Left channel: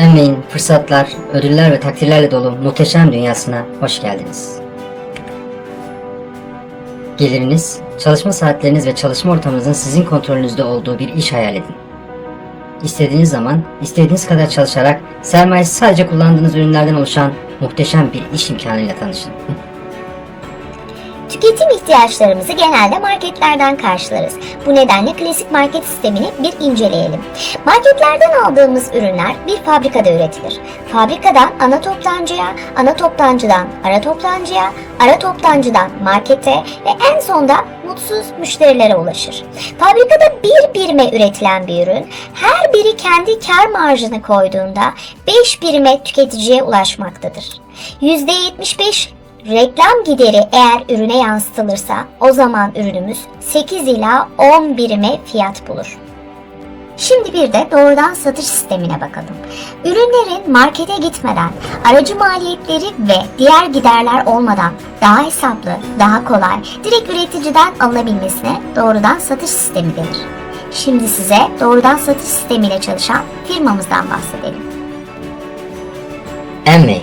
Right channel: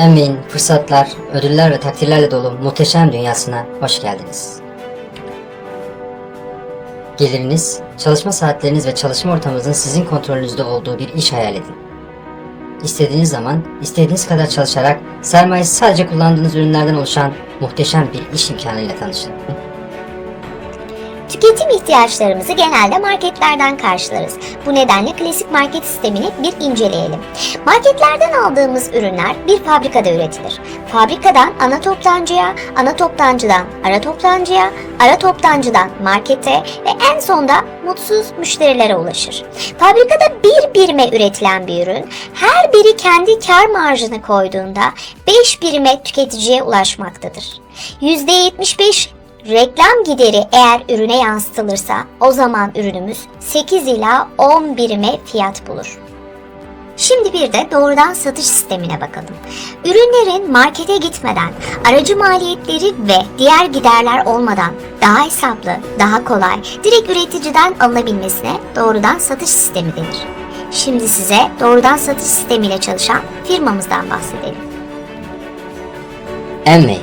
Envey'in fırsatlar, ödüller ve takdirlerle dolu muhteşem dünyasına hoş geldiniz. Geliriniz, çalışma saatleriniz ve çalışma ortamınızın sizin kontrolünüzde olduğu bir iş hayal edin. İstediğiniz zaman, istediğiniz kadar çalışarak sermayesi sadece kullandığınız ürünlerden oluşan muhteşem bir iş imkanıyla tanışın. Tüketim ihtiyaçlarımızı genelde marketlerden karşılarız. Bu nedenle klasik market sistemini bir inceleyelim. Marketlerden aldığımız ürünler bir fabrikada üretilir. Fabrikadan ana toptancıya, ana toptancıdan ara toptancıya, ara toptancıdan markete ve en sonda mutsuz müşterilere ulaşır. Fabrikada bir birime üretilen bir ürün her biri kendi kar marjını koyduğunda 5 birime tüketiciye ulaşmaktadır. %75 Reklam gideri eğer ürüne yansıtılırsa o zaman ürünümüz 8 ila 10 birime fiyat bulur. Şimdi bir de doğrudan satış sistemine bakalım. Ürünlerin markete gitmeden, aracı maliyetleri ve diğer giderler olmadan daha hesaplı, daha kolay, direkt üreticiden alınabilmesine doğrudan satış sistemi denir. Şimdi size doğrudan satış sistemiyle çalışan firmamızdan bahsedelim. Envey,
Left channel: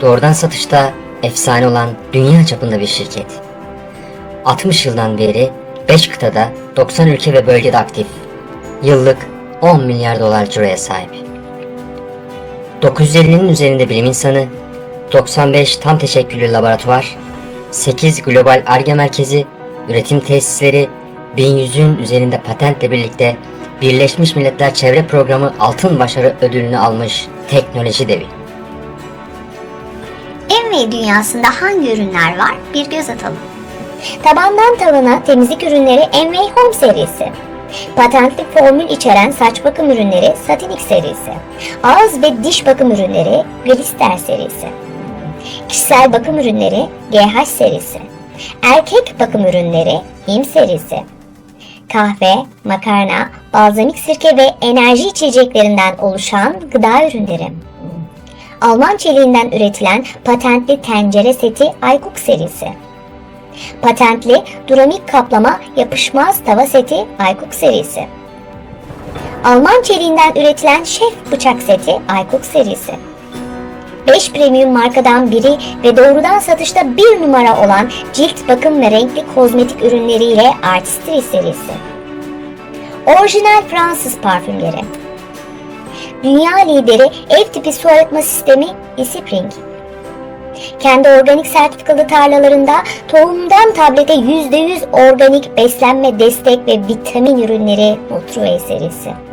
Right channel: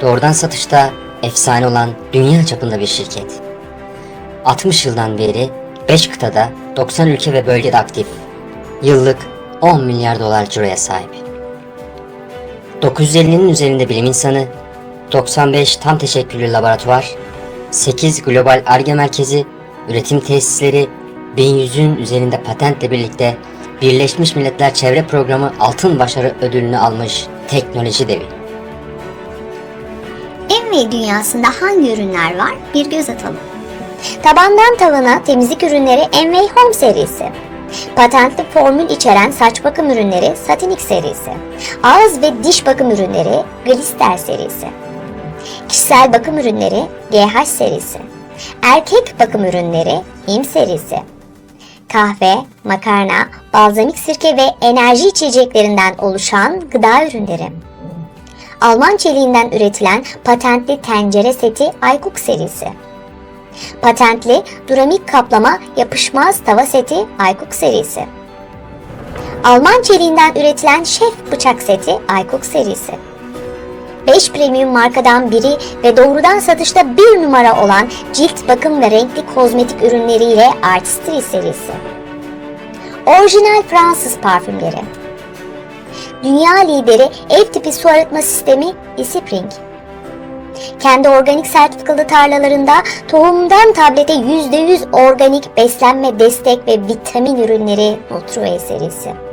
doğrudan satışta efsane olan dünya çapında bir şirket. 60 yıldan beri 5 kıtada 90 ülke ve bölgede aktif. Yıllık 10 milyar dolar ciroya sahip. 950'nin üzerinde bilim insanı, 95 tam teşekküllü laboratuvar, 8 global ARGE merkezi, üretim tesisleri, 1100'ün üzerinde patentle birlikte Birleşmiş Milletler Çevre Programı Altın Başarı Ödülünü almış teknoloji devi. Envy dünyasında hangi ürünler var bir göz atalım. Tabandan tavana temizlik ürünleri Envy Home serisi. Patentli formül içeren saç bakım ürünleri Satinik serisi. Ağız ve diş bakım ürünleri Glister serisi. Kişisel bakım ürünleri GH serisi. Erkek bakım ürünleri İM serisi. Kahve, makarna, balzamik sirke ve enerji içeceklerinden oluşan gıda ürünleri. Alman çeliğinden üretilen patentli tencere seti Aykuk serisi. Patentli duramik kaplama yapışmaz tava seti Aykuk serisi. Alman çeliğinden üretilen şef bıçak seti Aykuk serisi. 5 premium markadan biri ve doğrudan satışta bir numara olan cilt bakım ve renkli kozmetik ürünleriyle Artistry serisi. Orijinal Fransız parfümleri. Dünya lideri ev tipi su arıtma sistemi eSpring. Kendi organik sertifikalı tarlalarında tohumdan tablete %100 organik beslenme destek ve vitamin ürünleri Nutrue serisi.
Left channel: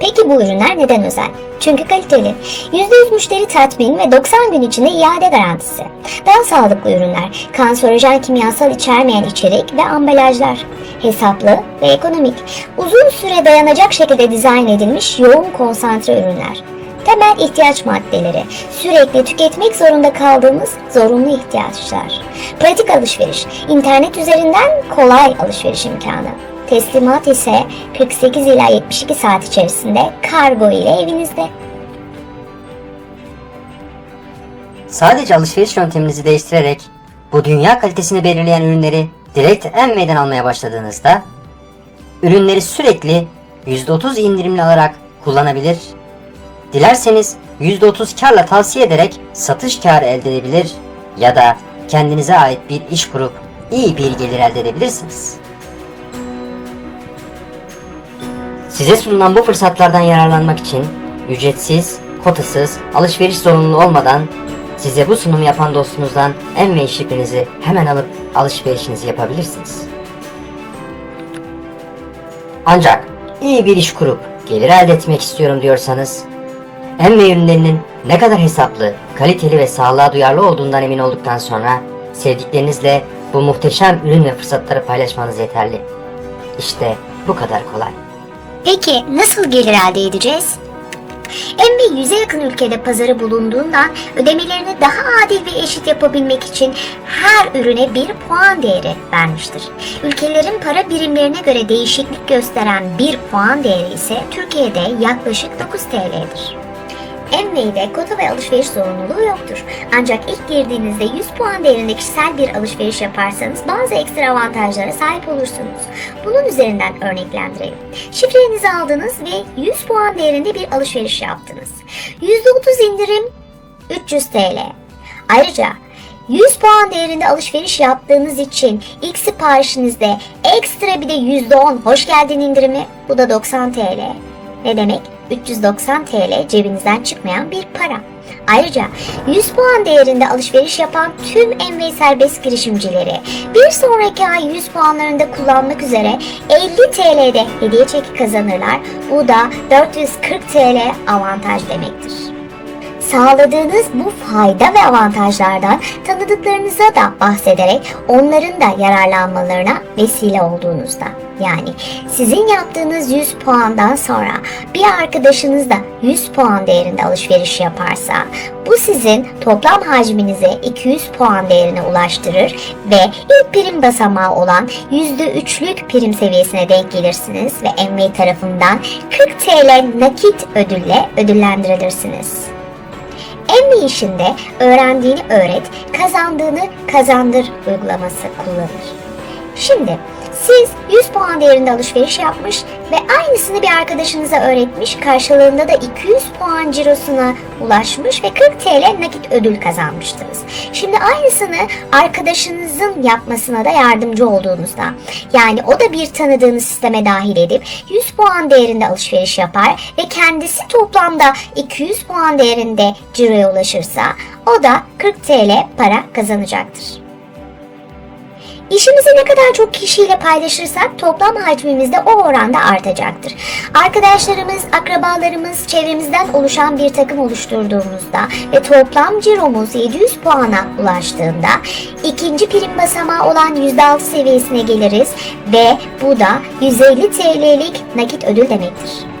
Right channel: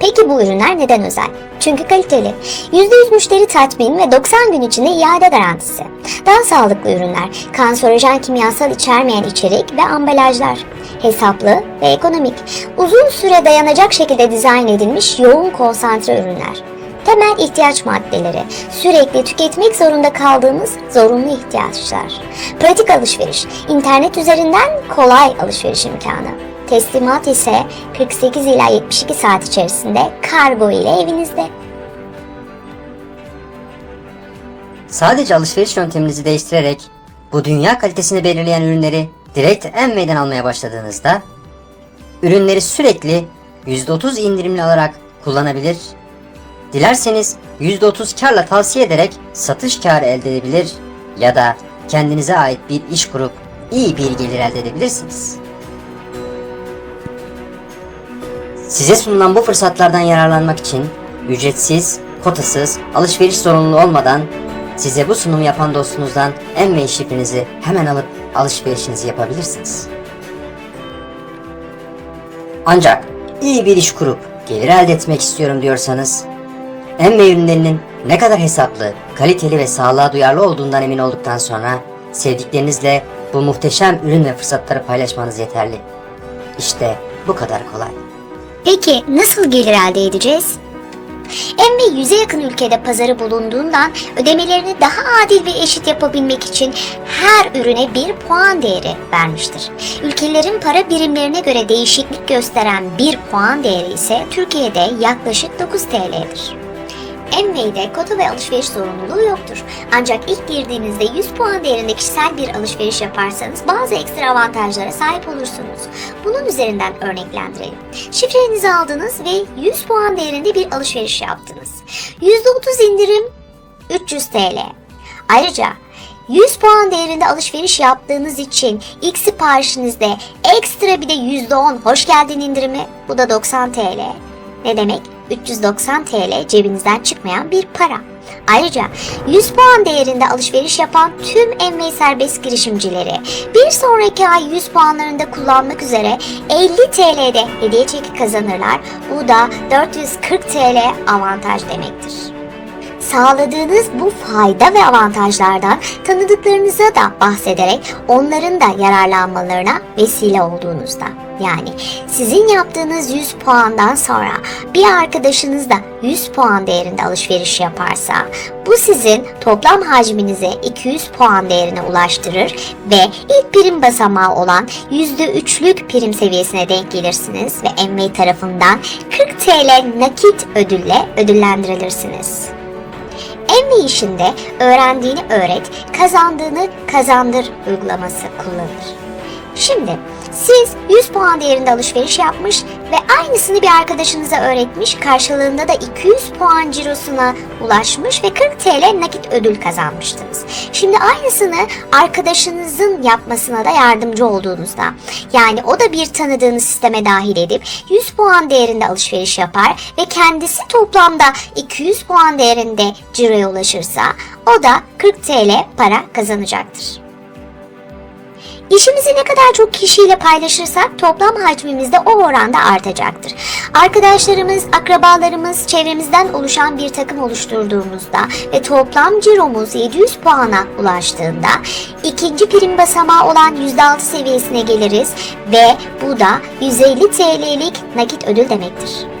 Peki bu ürünler neden özel? Çünkü kaliteli. %100 müşteri tatmin ve 90 gün içinde iade garantisi. Daha sağlıklı ürünler, kanserojen kimyasal içermeyen içerik ve ambalajlar. Hesaplı ve ekonomik. Uzun süre dayanacak şekilde dizayn edilmiş yoğun konsantre ürünler. Temel ihtiyaç maddeleri, sürekli tüketmek zorunda kaldığımız zorunlu ihtiyaçlar. Pratik alışveriş, internet üzerinden kolay alışveriş imkanı. Teslimat ise 48 ila 72 saat içerisinde kargo ile evinizde. Sadece alışveriş yönteminizi değiştirerek bu dünya kalitesini belirleyen ürünleri direkt Envey'den almaya başladığınızda ürünleri sürekli %30 indirimli alarak kullanabilir. Dilerseniz %30 karla tavsiye ederek satış karı elde edebilir ya da kendinize ait bir iş kurup iyi bir gelir elde edebilirsiniz. Size sunulan bu fırsatlardan yararlanmak için ücretsiz, kotasız, alışveriş zorunluluğu olmadan size bu sunumu yapan dostunuzdan Envey şifrenizi hemen alıp alışverişinizi yapabilirsiniz. Ancak iyi bir iş kurup gelir elde etmek istiyorum diyorsanız Envey ürünlerinin ne kadar hesaplı, kaliteli ve sağlığa duyarlı olduğundan emin olduktan sonra sevdiklerinizle bu muhteşem ürün ve fırsatları paylaşmanız yeterli. İşte bu kadar kolay. Peki nasıl gelir elde edeceğiz? Envy yüze yakın ülkede pazarı bulunduğundan ödemelerini daha adil ve eşit yapabilmek için her ürüne bir puan değeri vermiştir. Ülkelerin para birimlerine göre değişiklik gösteren bir puan değeri ise Türkiye'de yaklaşık 9 TL'dir. Envey'de kota ve alışveriş zorunluluğu yoktur. Ancak ilk girdiğinizde 100 puan değerinde kişisel bir alışveriş yaparsanız bazı ekstra avantajlara sahip olursunuz. Bunun üzerinden örneklendirelim. Şifrenizi aldınız ve 100 puan değerinde bir alışveriş yaptınız. %30 indirim 300 TL. Ayrıca 100 puan değerinde alışveriş yaptığınız için ilk siparişinizde ekstra bir de %10 hoş geldin indirimi bu da 90 TL. Ne demek? 390 TL cebinizden çıkmayan bir para. Ayrıca 100 puan değerinde alışveriş yapan tüm Envey serbest girişimcileri bir sonraki ay 100 puanlarında kullanmak üzere 50 TL'de hediye çeki kazanırlar. Bu da 440 TL avantaj demektir. Sağladığınız bu fayda ve avantajlardan tanıdıklarınıza da bahsederek onların da yararlanmalarına vesile olduğunuzda. Yani sizin yaptığınız 100 puandan sonra bir arkadaşınız da 100 puan değerinde alışveriş yaparsa bu sizin toplam hacminize 200 puan değerine ulaştırır ve ilk prim basamağı olan %3'lük prim seviyesine denk gelirsiniz ve Envey tarafından 40 TL nakit ödülle ödüllendirilirsiniz. Envy işinde öğrendiğini öğret, kazandığını kazandır uygulaması kullanılır. Şimdi siz 100 puan değerinde alışveriş yapmış ve aynısını bir arkadaşınıza öğretmiş, karşılığında da 200 puan cirosuna ulaşmış ve 40 TL nakit ödül kazanmıştınız. Şimdi aynısını arkadaşınızın yapmasına da yardımcı olduğunuzda, yani o da bir tanıdığınız sisteme dahil edip 100 puan değerinde alışveriş yapar ve kendisi toplamda 200 puan değerinde ciroya ulaşırsa o da 40 TL para kazanacaktır. İşimizi ne kadar çok kişiyle paylaşırsak toplam hacmimiz de o oranda artacaktır. Arkadaşlarımız, akrabalarımız, çevremizden oluşan bir takım oluşturduğumuzda ve toplam ciromuz 700 puana ulaştığında ikinci prim basamağı olan %6 seviyesine geliriz ve bu da 150 TL'lik nakit ödül demektir.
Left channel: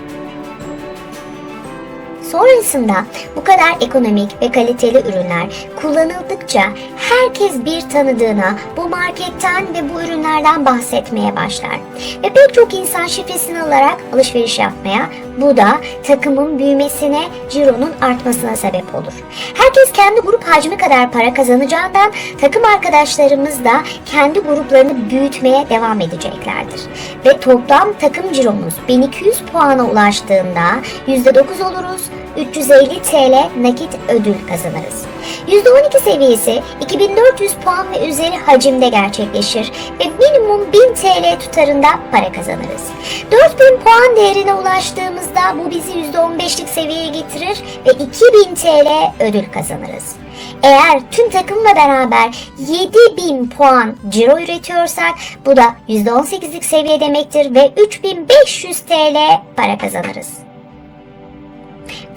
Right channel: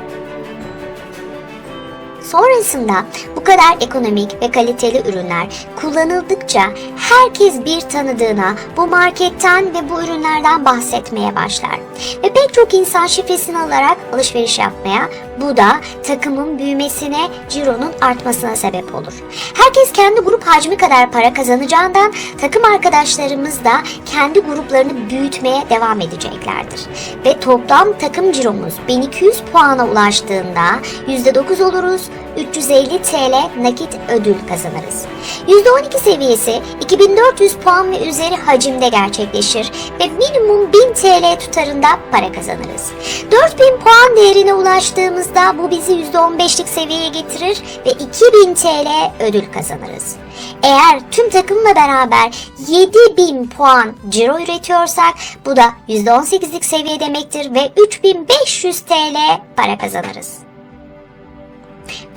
Sonrasında bu kadar ekonomik ve kaliteli ürünler kullanıldıkça herkes bir tanıdığına bu marketten ve bu ürünlerden bahsetmeye başlar. Ve pek çok insan şifresini alarak alışveriş yapmaya, bu da takımın büyümesine, cironun artmasına sebep olur. Herkes kendi grup hacmi kadar para kazanacağından takım arkadaşlarımız da kendi gruplarını büyütmeye devam edeceklerdir. Ve toplam takım ciromuz 1200 puana ulaştığında %9 oluruz, 350 TL nakit ödül kazanırız. %12 seviyesi 2400 puan ve üzeri hacimde gerçekleşir ve minimum 1000 TL tutarında para kazanırız. 4000 puan değerine ulaştığımızda bu bizi %15'lik seviyeye getirir ve 2000 TL ödül kazanırız. Eğer tüm takımla beraber 7000 puan ciro üretiyorsak bu da %18'lik seviye demektir ve 3500 TL para kazanırız.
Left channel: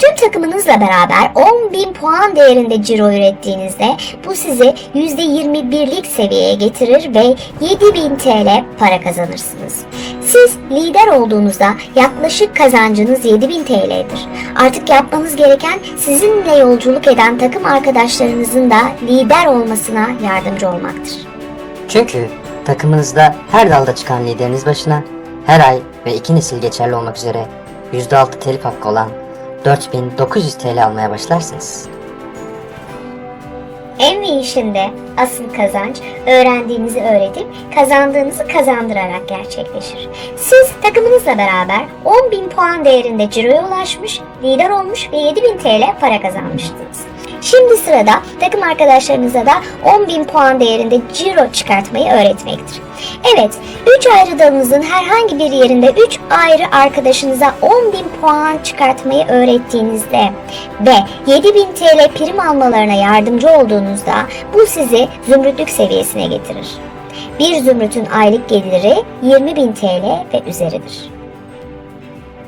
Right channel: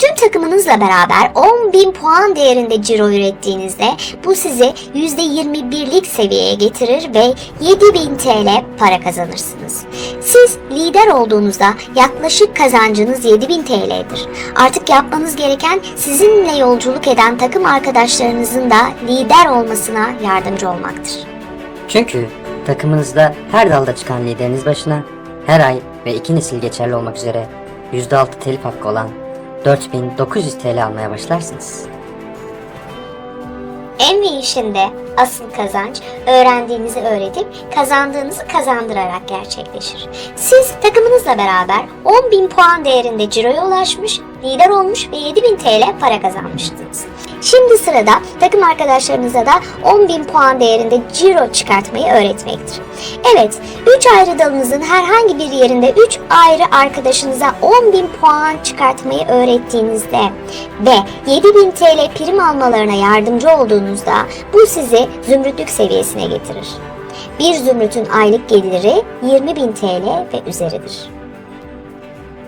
Tüm takımınızla beraber 10.000 puan değerinde ciro ürettiğinizde bu sizi %21'lik seviyeye getirir ve 7000 TL para kazanırsınız. Siz lider olduğunuzda yaklaşık kazancınız 7000 TL'dir. Artık yapmanız gereken sizinle yolculuk eden takım arkadaşlarınızın da lider olmasına yardımcı olmaktır. Çünkü takımınızda her dalda çıkan lideriniz başına her ay ve iki nesil geçerli olmak üzere %6 telif hakkı olan 4900 TL almaya başlarsınız. Envy işinde asıl kazanç öğrendiğinizi öğretip kazandığınızı kazandırarak gerçekleşir. Siz takımınızla beraber 10.000 puan değerinde ciroya ulaşmış, lider olmuş ve 7.000 TL para kazanmıştınız. Şimdi sırada takım arkadaşlarınıza da 10.000 puan değerinde ciro çıkartmayı öğretmektir. Evet, 3 ayrı dalınızın herhangi bir yerinde 3 ayrı arkadaşınıza 10.000 puan çıkartmayı öğrettiğinizde ve 7.000 TL prim almalarına yardımcı olduğunuzda bu sizi zümrütlük seviyesine getirir. Bir zümrütün aylık geliri 20.000 TL ve üzeridir.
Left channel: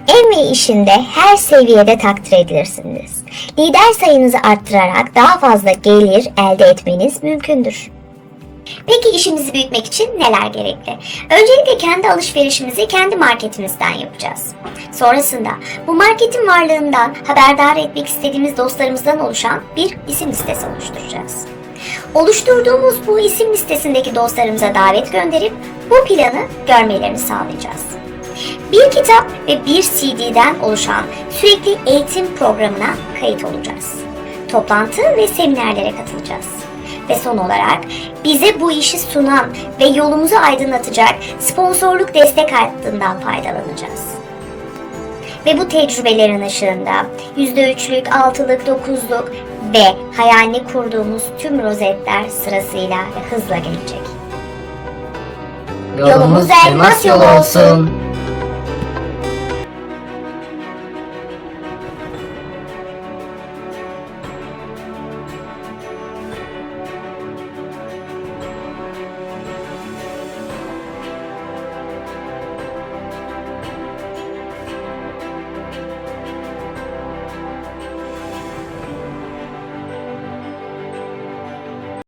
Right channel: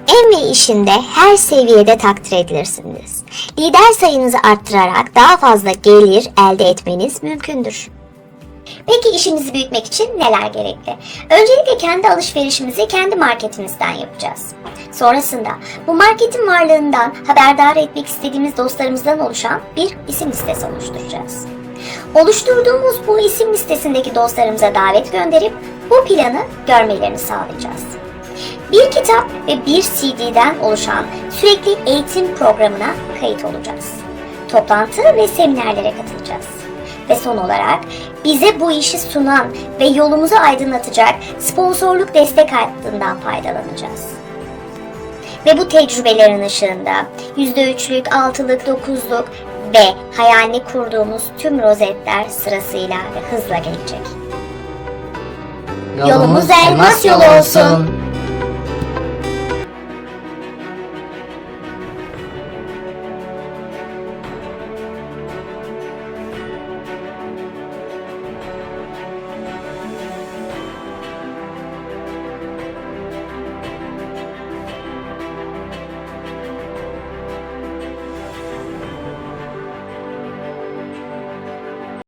Envy işinde her seviyede takdir edilirsiniz. Lider sayınızı arttırarak daha fazla gelir elde etmeniz mümkündür. Peki işimizi büyütmek için neler gerekli? Öncelikle kendi alışverişimizi kendi marketimizden yapacağız. Sonrasında bu marketin varlığından haberdar etmek istediğimiz dostlarımızdan oluşan bir isim listesi oluşturacağız. Oluşturduğumuz bu isim listesindeki dostlarımıza davet gönderip bu planı görmelerini sağlayacağız. Bir kitap ve bir CD'den oluşan sürekli eğitim programına kayıt olacağız. Toplantı ve seminerlere katılacağız. Ve son olarak bize bu işi sunan ve yolumuzu aydınlatacak sponsorluk destek hattından faydalanacağız. Ve bu tecrübelerin ışığında %3'lük, 6'lık, 9'luk ve hayalini kurduğumuz tüm rozetler sırasıyla ve hızla gelecek. Yolumuz elmas yolu olsun.